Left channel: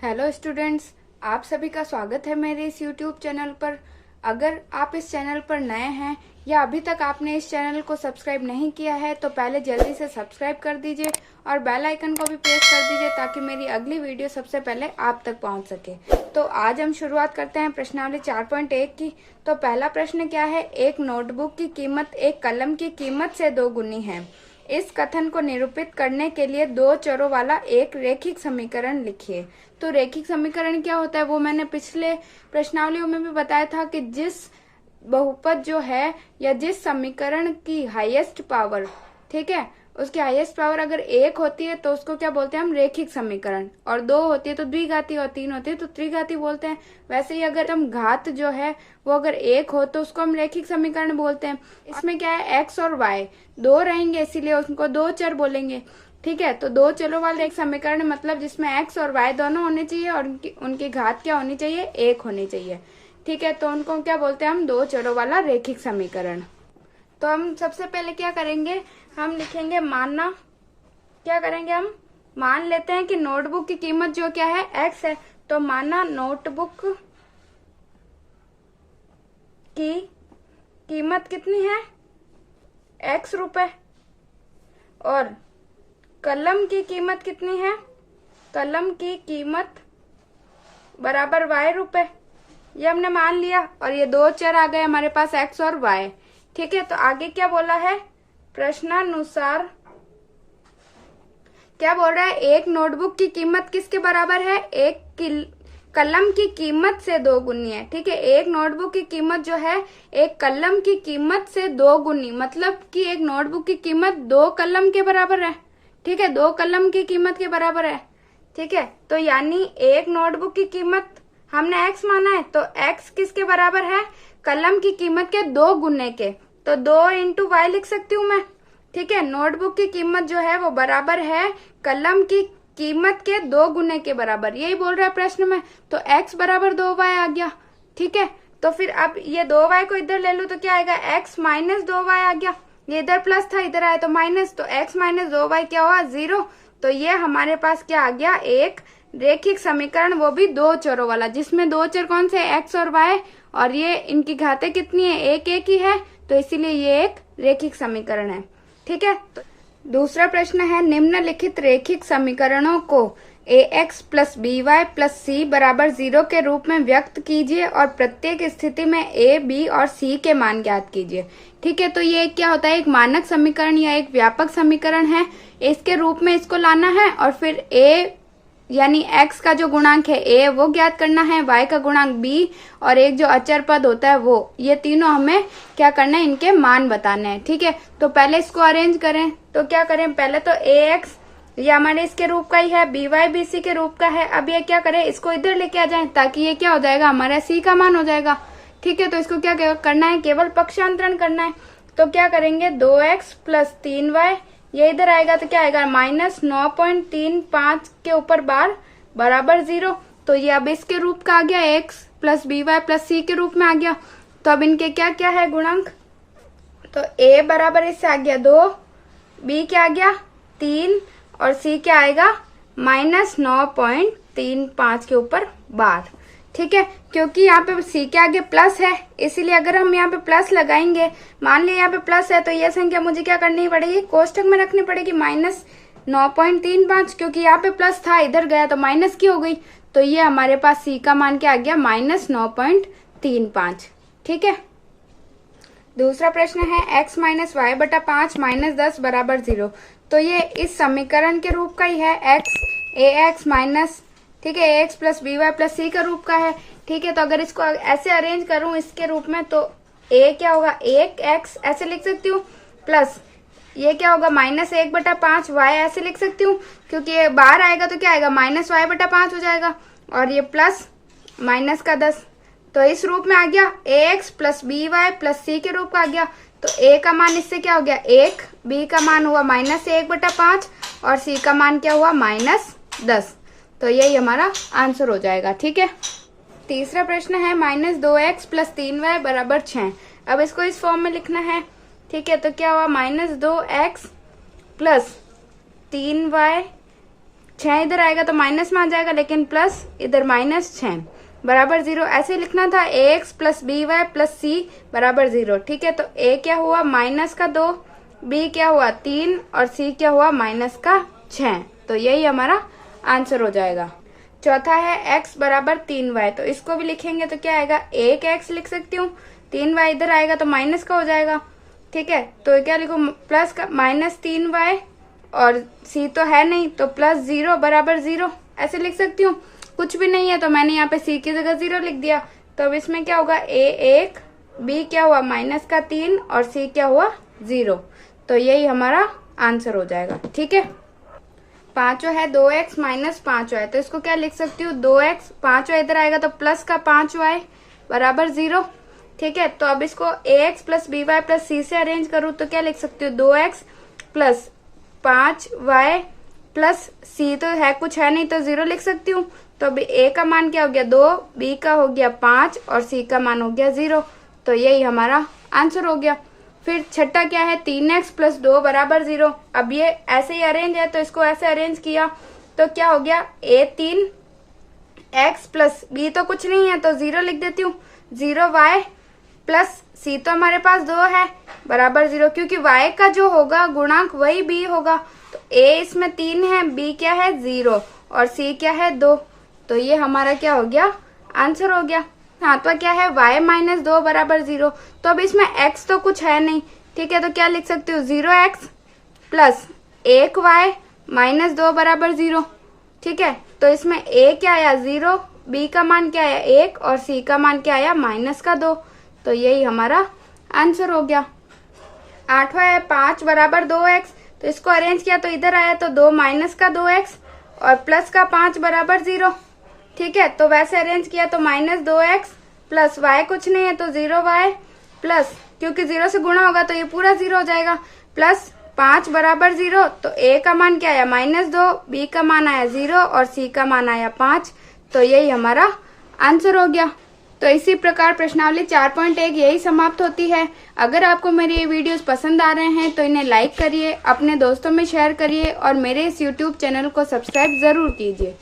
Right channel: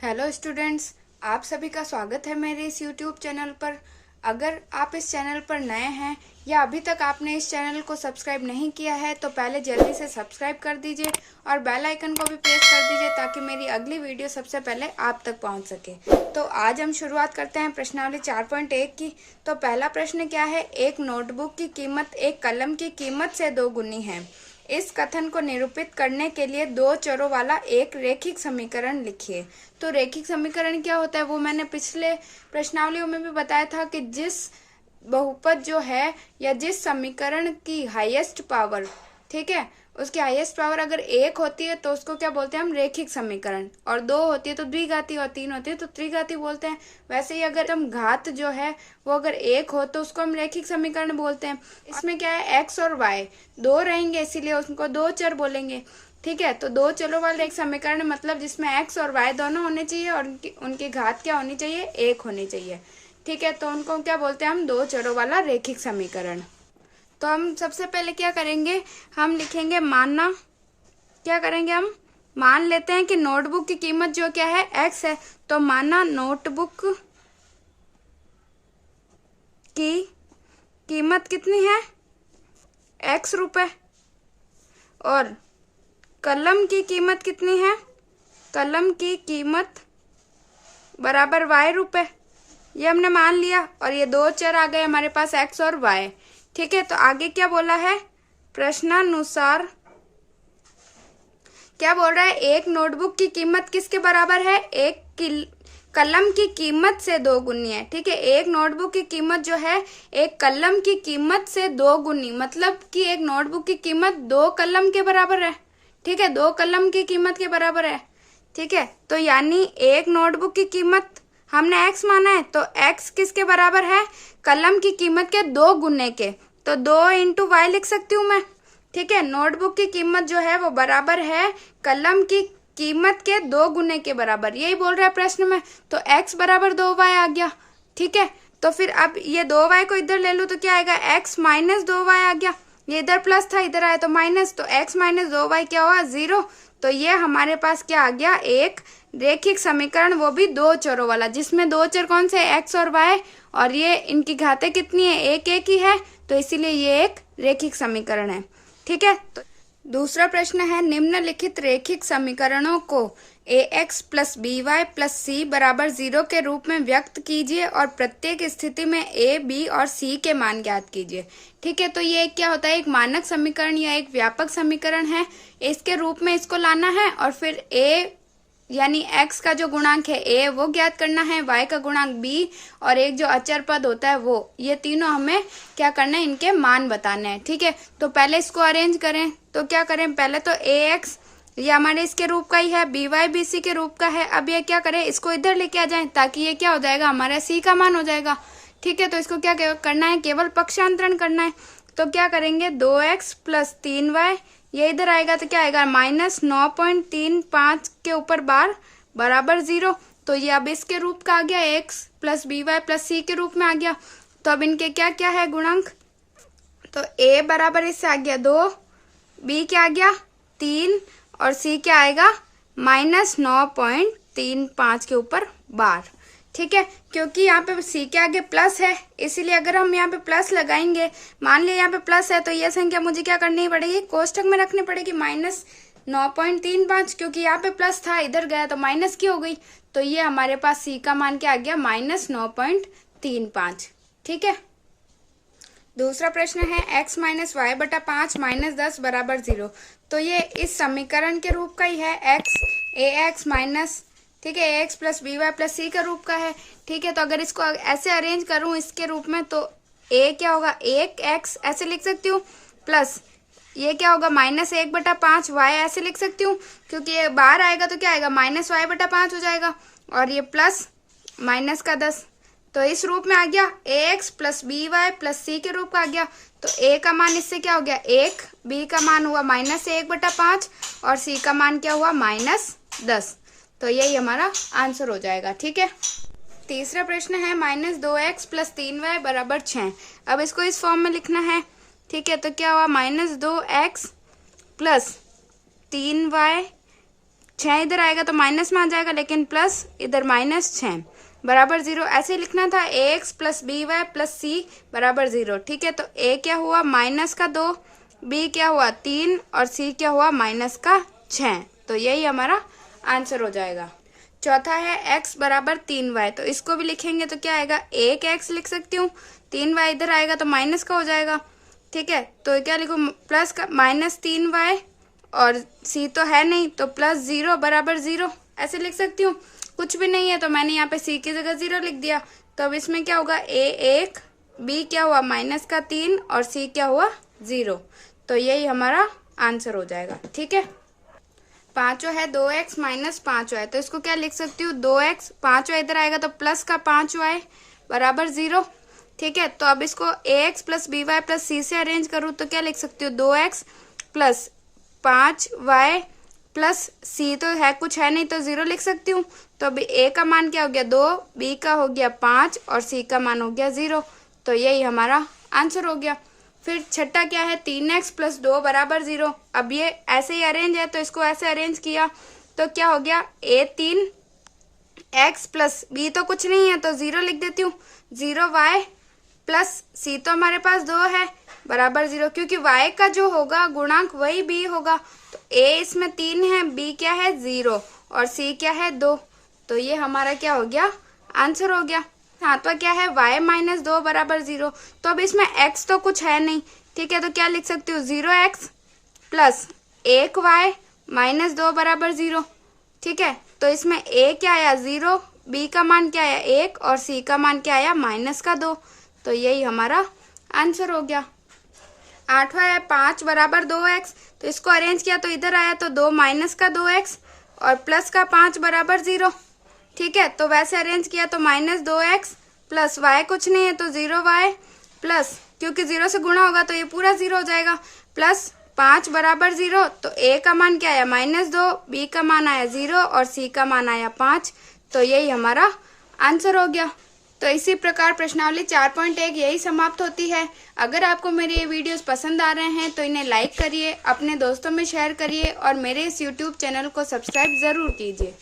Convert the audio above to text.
Hello students, आप सभी का स्वागत है मेरे इस यूट्यूब चैनल पर। अगर आप इस चैनल पर नए हैं या अभी तक आपने इस चैनल को सब्सक्राइब नहीं किया है तो पहले जल्दी से सब्सक्राइब कर दीजिए और बेल आइकन को भी प्रेस कर दीजिए ताकि मेरी अगली वीडियो सबसे पहले आप तक पहुंच सके। तो आज हम शुरुआत करते हैं प्रश्नावली 4.1 की। तो पहला प्रश्न क्या है, एक नोटबुक की कीमत एक कलम की कीमत से 2 गुनी है। इस कथन को निरूपित करने के लिए 2 चरों वाला एक रैखिक समीकरण लिखिए। तो रैखिक समीकरण क्या होता है वो मैंने पिछले प्रश्नावलियों में भी बताया था कि जिस बहुपद जो है या जिस समीकरण की हाईएस्ट पावर, ठीक है, उसकी हाईएस्ट पावर अगर 1 होती है तो उसको क्या बोलते हैं हम, रैखिक समीकरण, और 2 होती है तो द्विघाती और 3 होती है तो त्रिघाती बोलते हैं। वैसे ही अगर हम घात जो है वो अगर 1 हो तो उसको हम रैखिक समीकरण बोलते हैं। इसमें क्या है, x और y 2 रहेंगे इसीलिए उसको 2 चर बोलेंगे। ठीक है, तो 2 चरों वाले एक समीकरण मतलब जिसमें x और y दोनों होने चाहिए और उनकी घात क्या होनी चाहिए, 1 होनी चाहिए। ठीक है, तो उनको क्या बोलते हैं हम, 2 चरों वाला रैखिक समीकरण। तो हम सबसे पहले क्या करेंगे, हम लिखेंगे मानना, क्या करेंगे हम मान लेते हैं कि नोटबुक की कीमत जो क्या है x है। तो माना नोटबुक की कीमत कितनी है, x रुपए, और कलम की कीमत कितनी है, कलम की कीमत बराबर y रुपए, ये हमने मान लिया। और ये 2 चर आ गए हमारे पास x और y। ठीक है, तो आगे क्या बोला है, प्रश्नानुसार क्या बोल रहा है, एक नोटबुक की कीमत किसके बराबर है, एक कलम की कीमत से 2 गुनी है। ठीक है, एक नोटबुक की कीमत जो है एक कलम की कीमत से 2 गुनी, मतलब कि एक नोटबुक की कीमत 2 कलम के बराबर है। ठीक है, 2 कलम की कीमत के बराबर है। ठीक है, तो यानी एक नोटबुक की कीमत हमने x माना है तो x किसके बराबर है, कलम की कीमत के 2 गुने के, तो 2 इंटू वाई लिख सकती हूँ मैं। ठीक है, नोटबुक की कीमत जो है वो बराबर है कलम की कीमत के 2 गुने के बराबर, यही बोल रहा है प्रश्न में। तो x बराबर 2y आ गया। ठीक है, तो फिर अब ये 2y को इधर ले लो तो क्या आएगा, x माइनस 2y आ गया। ये इधर प्लस था, इधर आया तो माइनस, तो x माइनस 2y क्या हुआ, 0। तो ये हमारे पास क्या आ गया, एक रैखिक समीकरण, वो भी 2 चरों वाला, जिसमें 2 चर कौन से, x और y, और ये इनकी घातें कितनी है, एक एक ही है, तो इसीलिए ये एक रैखिक समीकरण है। ठीक है, तो दूसरा प्रश्न है, निम्नलिखित रैखिक समीकरणों को ax plus B Y plus C बराबर 0 के रूप में व्यक्त कीजिए और प्रत्येक स्थिति में a, b और c के मान ज्ञात कीजिए। ठीक है, तो ये क्या होता है, एक मानक समीकरण या एक व्यापक समीकरण है, इसके रूप में इसको लाना है और फिर a यानी x का जो गुणांक है a वो ज्ञात करना है, y का गुणांक b और एक जो अचर पद होता है वो, ये तीनों हमें क्या करना है, इनके मान बताने हैं। ठीक है, तो पहले इसको अरेंज करें, तो क्या करें, पहले तो ax ये हमारे इसके रूप का ही है, by bc के रूप का है। अब ये क्या करें, इसको इधर लेके आ जाएं ताकि ये क्या हो जाएगा, हमारा c का मान हो जाएगा। ठीक है, तो इसको क्या करना है, केवल पक्षांतरण करना है। तो क्या करेंगे, 2x प्लस 3y, ये इधर आएगा तो क्या आएगा, माइनस 9.35 के ऊपर बार बराबर 0। तो ये अब इसके रूप का आ गया, x plus B Y plus C के रूप में आ गया। तो अब इनके क्या क्या है गुणांक, तो a बराबर इससे आ गया 2, b क्या आ गया 3 और c क्या आएगा माइनस 9.35 के ऊपर बार। ठीक है, क्योंकि यहाँ पे c के आगे प्लस है इसीलिए अगर हम यहाँ पे प्लस लगाएंगे, मान लिया यहाँ पे प्लस है तो ये संख्या मुझे क्या करनी पड़ेगी, कोष्टक में रखनी पड़ेगी माइनस 9.35, क्योंकि यहाँ पे प्लस था इधर गया तो माइनस की हो गई। तो ये हमारे पास c का मान क्या आ गया, माइनस 9.35। ठीक है, दूसरा प्रश्न है x माइनस वाई बटा 5 माइनस 10 बराबर 0। तो ये इस समीकरण के रूप का ही है, ax माइनस, ठीक है, ax plus B Y plus C का रूप का है। ठीक है, तो अगर इसको ऐसे अरेंज करूं इसके रूप में तो a क्या होगा, 1x ऐसे लिख सकती हूँ, प्लस ये क्या होगा माइनस 1 बटा 5 y ऐसे लिख सकती हूँ, क्योंकि ये बाहर आएगा तो क्या आएगा, माइनस y बटा 5 हो जाएगा, और ये प्लस माइनस का 10, तो इस रूप में आ गया। ax plus B Y plus C के रूप का आ गया। तो a का मान इससे क्या हो गया 1, b का मान हुआ माइनस 1 बटा 5 और c का मान क्या हुआ माइनस 10। तो यही हमारा आंसर हो जाएगा। ठीक है, तीसरा प्रश्न है माइनस 2x प्लस 3y बराबर 6। अब इसको इस फॉर्म में लिखना है। ठीक है, तो क्या हुआ माइनस 2x प्लस 3y 6 इधर आएगा तो माइनस में आ जाएगा, लेकिन प्लस इधर -6 बराबर 0। ऐसे ही लिखना था ax plus B Y plus C बराबर 0। ठीक है, तो a क्या हुआ -2, b क्या हुआ 3 और c क्या हुआ -6। तो यही हमारा आंसर हो जाएगा। चौथा है x बराबर 3y, तो इसको भी लिखेंगे तो क्या आएगा, 1x लिख सकती हूँ, 3y इधर आएगा तो माइनस का हो जाएगा। ठीक है, तो क्या लिखो, प्लस का -3y और c तो है नहीं तो +0 बराबर 0 ऐसे लिख सकती हूँ। कुछ भी नहीं है तो मैंने यहाँ पे c की जगह 0 लिख दिया। तो अब इसमें क्या होगा, a1, b क्या हुआ -3 और c क्या हुआ 0। तो यही हमारा आंसर हो जाएगा। ठीक है, पांचवा है 2x - 5y, तो इसको क्या लिख सकती हूँ, 2x, 5y इधर आएगा तो प्लस का 5y बराबर 0। ठीक है, तो अब इसको ax plus B Y plus C से अरेंज करूँ तो क्या लिख सकती हूँ, 2x plus 5y plus c तो है कुछ है नहीं तो 0 लिख सकती हूँ। तो अभी a का मान क्या हो गया 2, b का हो गया 5 और c का मान हो गया 0। तो यही हमारा आंसर हो गया। फिर छठा क्या है, 3x प्लस 2 बराबर 0। अब ये ऐसे ही अरेंज है तो इसको ऐसे अरेंज किया तो क्या हो गया, a3 x प्लस b तो कुछ नहीं है तो 0 लिख देती हूँ, 0y प्लस c तो हमारे पास 2 है बराबर 0, क्योंकि y का जो होगा गुणांक वही b होगा। तो a इसमें 3 है, b क्या है 0 और c क्या है 2। तो ये हमारा क्या हो गया, आंसर हो गया। सातवां क्या है, y - 2 बराबर 0। तो अब इसमें x तो कुछ है नहीं। ठीक है, तो क्या लिख सकती हूँ, 0x प्लस 1y - 2 बराबर 0। ठीक है, तो इसमें a क्या आया 0, b का मान क्या आया 1 और c का मान क्या आया -2। तो यही हमारा आंसर हो गया। आठवां है 5 बराबर 2x, तो इसको अरेंज किया तो इधर आया तो 2 - 2x और प्लस का 5 बराबर 0। ठीक है, तो वैसे अरेंज किया तो -2x प्लस y कुछ नहीं है तो 0y प्लस, क्योंकि 0 से गुणा होगा तो ये पूरा 0 हो जाएगा, प्लस 5 बराबर 0। तो a का मान क्या आया -2, b का मान आया 0 और c का मान आया 5। तो यही हमारा आंसर हो गया। तो इसी प्रकार प्रश्नावली 4.1 यही समाप्त होती है। अगर आपको मेरे ये वीडियोस पसंद आ रहे हैं तो इन्हें लाइक करिए, अपने दोस्तों में शेयर करिए और मेरे इस YouTube चैनल को सब्सक्राइब जरूर कीजिए।